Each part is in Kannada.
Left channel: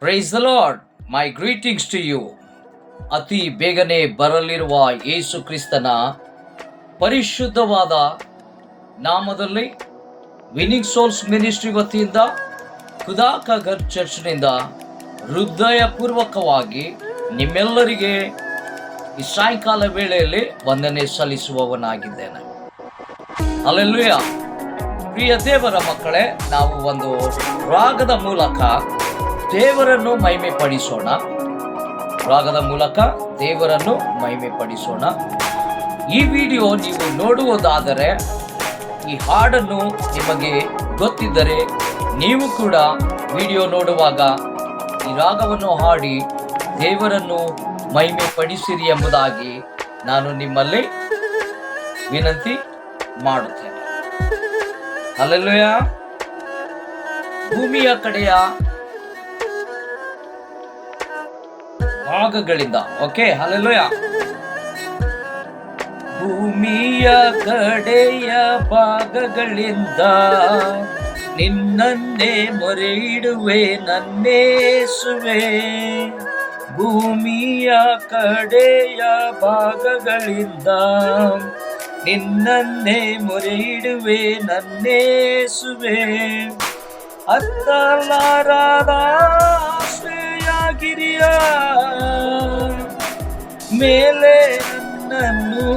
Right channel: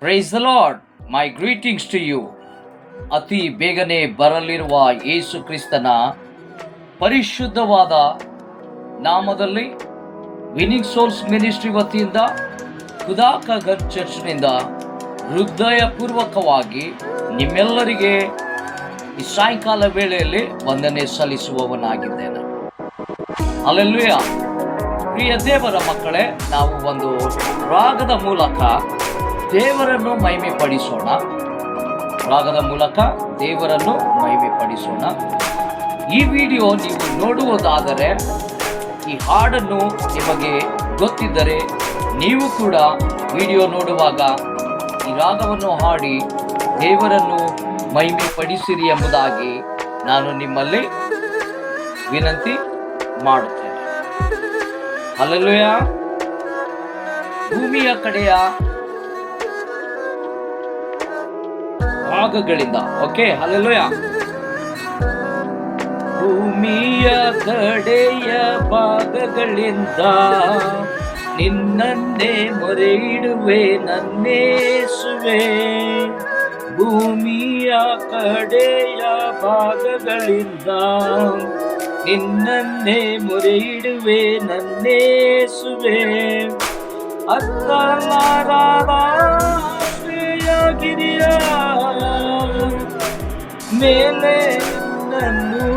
Price the lord. My greetings to you. ಅತಿ ಬೇಗನೆ ಬರಲಿರುವ ಯೇಸು ಕ್ರಿಸ್ತನ ಪರಿಶುದ್ಧವಾದ ನಾಮದಲ್ಲಿ ವಿನಿಂಗ್ ಸೋಲ್ಸ್ ಮಿನಿಸ್ಟ್ರಿ ವತಿಯಿಂದ ಖುದಾಕಗರ್ ಚರ್ಚ್ನಿಂದ ಹೃದಯಪೂರ್ವಕವಾಗಿ ನಿಮ್ಮೆಲ್ಲರಿಗೆ ಈ ಸಾಯಂಕಾಲ ವೇಳೆಯಲ್ಲಿ ವಂದನೆ ಸಲ್ಲಿಸುವವನಾಗಿದ್ದೇನೆ. ಹಲ್ಲೆಲೂಯ. ಪ್ರಿಯ ದೇವರ ಮಕ್ಕಳೇ, ನಾವು ಒಂದು ರಾಗದ ಮೂಲಕ ದೇವರನ್ನು ಮಹಿಮೆ ಪಡಿಸೋಣ. ಈ ವಿಡಿಯೋ ನೀವು ನೋಡುವುದಾದರೆ, ಈ ಹಾಡನ್ನು ನಿಮಗೆ ಗೊತ್ತಿದ್ದರೆ ನೀವು ಕೂಡ ವಿಡಿಯೋ ನೋಡುವಾಗ ಈ ರಾಗವನ್ನು ಹಾಡಿ ದೇವರನ್ನು ಮಹಿಮೆ ಪಡಿಸಿರಿ ಎಂಬುದಾಗಿ ನಾನು ನಿಮ್ಮಲ್ಲಿ ವಿನಂತಿ ಮಾಡುತ್ತೇನೆ. ಹಲ್ಲೆಲೂಯ. ಭೂಮಿಯ ಕಡೆಯ ಭಾಗಗಳಿಂದ ಹಲ್ಲೆಲೂಯ. ಭೂಮಿಯ ಕಡೆಯ ಭಾಗಗಳಿಂದ ನಿನ್ನನ್ನೇ ಮೊರೆ ಇಡುವೆ ನನ್ನೇಸುವೆ. ಭೂಮಿಯ ಕಡೆಯ ಭಾಗಗಳಿಂದ ನಿನ್ನನ್ನೇ ಮೊರೆ ಇಡುವೆ ನನ್ನೇಸುವೆ. ಹತ್ತಲಾರದ ಆಶ್ರಯಗಿರಿಯ ಮೇಲೆ ನನ್ನು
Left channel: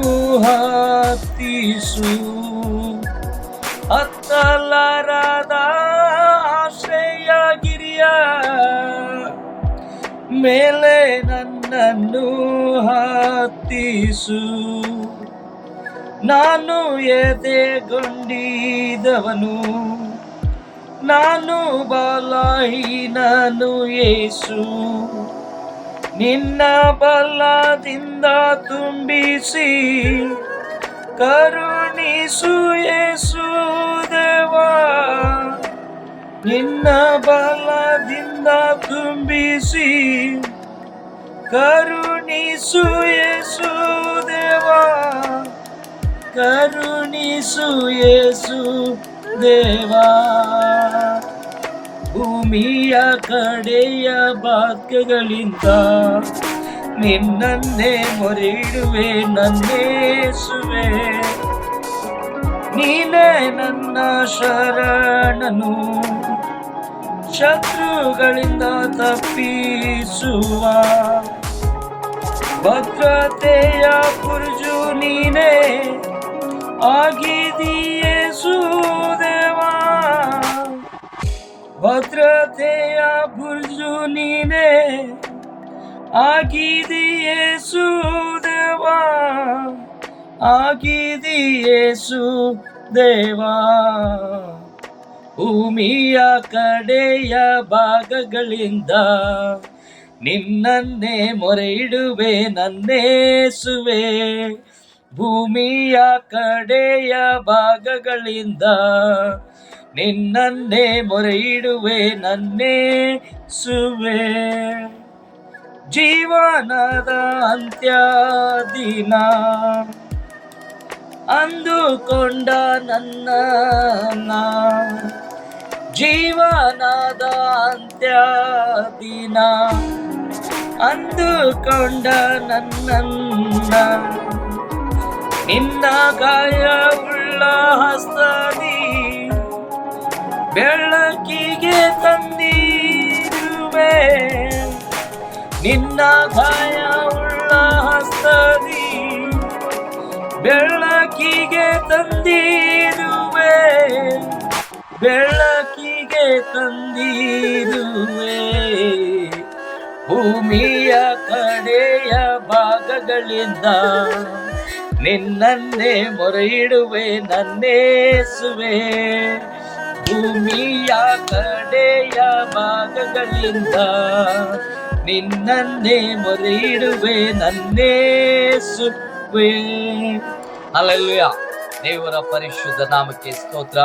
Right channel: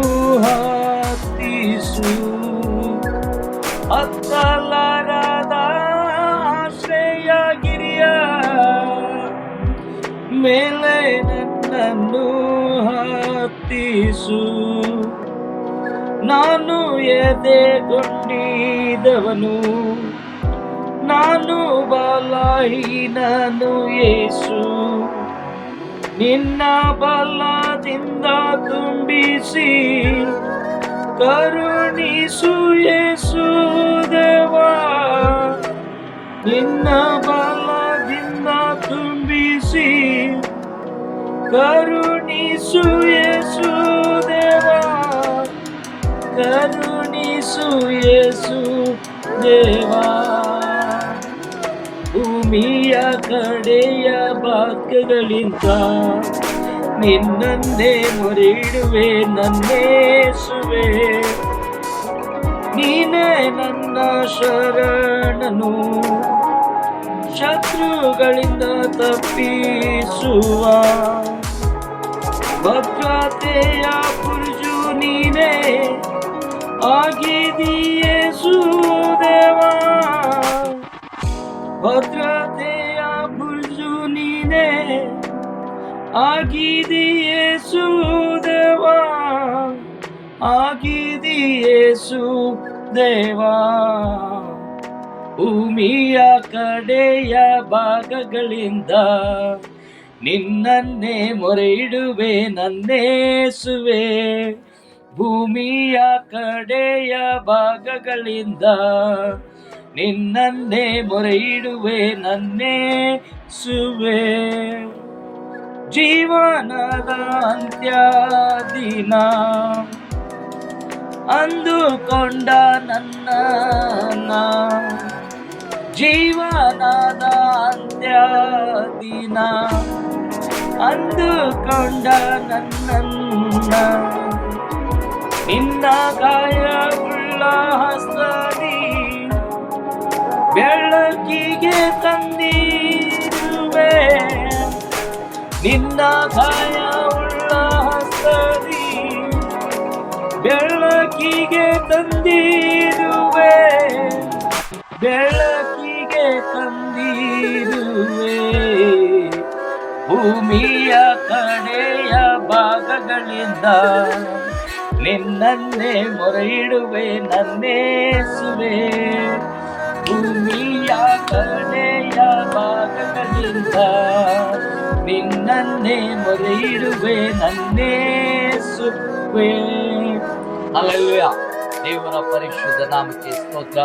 ಹತ್ತಿಸು. ಹತ್ತಲಾರದ ಆಶ್ರಯಗಿರಿಯ ಮೇಲೆ ನನ್ನನ್ನು ಹತ್ತಿಸು. ನಾನು ಎದೆಗೊಂಡಿದವನು, ನಾನು ಬಲಹೀನನು ಯೇಸು. ನಿನ್ನ ಬಲದಿಂದ ತುಂಬಿಸಿ ಕರುಣಿಸು ಯೇಸು ದೇವಾ. ನಿನ್ನ ಬಲದಿಂದ ತುಂಬಿಸಿ ಕರುಣಿಸು ಯೇಸು ದೇವಾ. ಕರುಣಿಸು ಯೇಸು ದೇವಾ. ಭೂಮಿಯ ಕಡೆಯ ಭಾಗಗಳಿಂದ ನಿನ್ನನ್ನೇ ಮೊರೆ ಇಡುವೆ ನನ್ನೇಸುವೆ. ನೀನೇ ನನ್ನ ಶರಣನು, ಶತ್ರುಗಳಿಂದ ತಪ್ಪಿಸುವ ಭದ್ರತೆಯ ಬುರ್ಜು ನೀನೇ ಆಗಿದೆಯೇಸು ದೇವಾ. ಭದ್ರತೆಯ ಬುರ್ಜು ನೀನೇ ಆಗಿದೆಯೇಸು ದೇವಾ. ಆಗಿದೆಯೇಸು ದೇವಾ. ಭೂಮಿಯ ಕಡೆಯ ಭಾಗಗಳಿಂದ ನಿನ್ನನ್ನೇ ಮೊರೆ ಇಡುವೆ ನನ್ನೇಸುವೆ. ಭೂಮಿಯ ಕಡೆಯ ಭಾಗಗಳಿಂದ ನಿನ್ನನ್ನೇ ಮೊರೆ ಇಡುವೆ ನನ್ನೇಸುವೆ. ಜೀವನದ ಅಂತ್ಯ ದಿನ ಅಂದುಕೊಂಡ ನನ್ನ, ಜೀವನದ ಅಂತ್ಯ ದಿನ ಅಂದುಕೊಂಡ ನನ್ನನ್ನ, ನಿನ್ನ ಗಾಯವುಳ್ಳ ಹಸ್ತದಿ ಬೆಳಕಿಗೆ ತಂದಿರುವೆ. ನಿನ್ನ ಗಾಯವುಳ್ಳ ಹಸ್ತದಿ ಬೆಳಕಿಗೆ ತಂದಿರುವೆ. ಬೆಳಕಿಗೆ ತಂದಿರುವೆ. ಭೂಮಿಯ ಕಡೆಯ ಭಾಗಗಳಿಂದ ನಿನ್ನನ್ನೇ ಮೊರೆ ಇಡುವೆ ನನ್ನೇಸುವೆ. ಭೂಮಿಯ ಕಡೆಯ ಭಾಗಗಳಿಂದ ನಿನ್ನನ್ನೇ ಮೊರೆ ಇಡುವೆ ನನ್ನೇಸುವೆ. ಹಲ್ಲೆಲೂಯ. ದೇವರ ಪರಿಶುದ್ಧ ನಾಮಕ್ಕೆ ಸ್ತೋತ್ರ.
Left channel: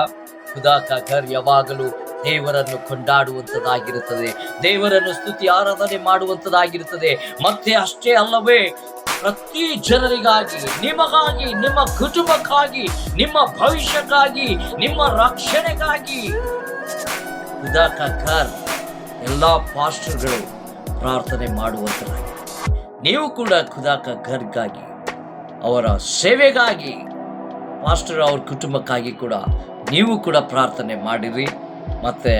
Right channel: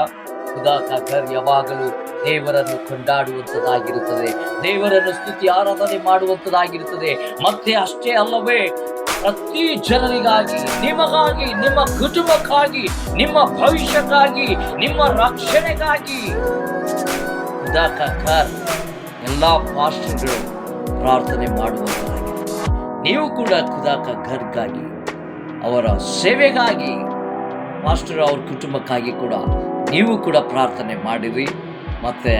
ಖುದಾಕಗರ್ ಯಾವಾಗಲೂ ದೇವರನ್ನು ಕೊಂಡಾಡುವಂಥದ್ದಾಗಿರುತ್ತದೆ, ದೇವರನ್ನು ಸ್ತುತಿ ಆರಾಧನೆ ಮಾಡುವಂಥದ್ದಾಗಿರುತ್ತದೆ. ಮತ್ತೆ ಅಷ್ಟೇ ಅಲ್ಲವೇ, ಪ್ರತಿ ಜನರಿಗಾಗಿ, ನಿಮಗಾಗಿ, ನಿಮ್ಮ ಕುಟುಂಬಕ್ಕಾಗಿ, ನಿಮ್ಮ ಭವಿಷ್ಯಕ್ಕಾಗಿ, ನಿಮ್ಮ ರಕ್ಷಣೆಗಾಗಿ ಖುದಾಕಗರ್ ಎಲ್ಲ ಪಾಸ್ಟರ್ಗಳು ಪ್ರಾರ್ಥನೆ ಮಾಡುವಂತರಾಗಿ, ನೀವು ಕೂಡ ಖುದಾಕ ಘರ್ಗಾಗಿ, ಅವರ ಸೇವೆಗಾಗಿ, ಪಾಸ್ಟರ್ ಅವ್ರ ಕುಟುಂಬಕ್ಕಾಗಿ ಕೂಡ ನೀವು ಕೂಡ ಪ್ರಾರ್ಥನೆ ಮಾಡಿರಿ. ಮತ್ತು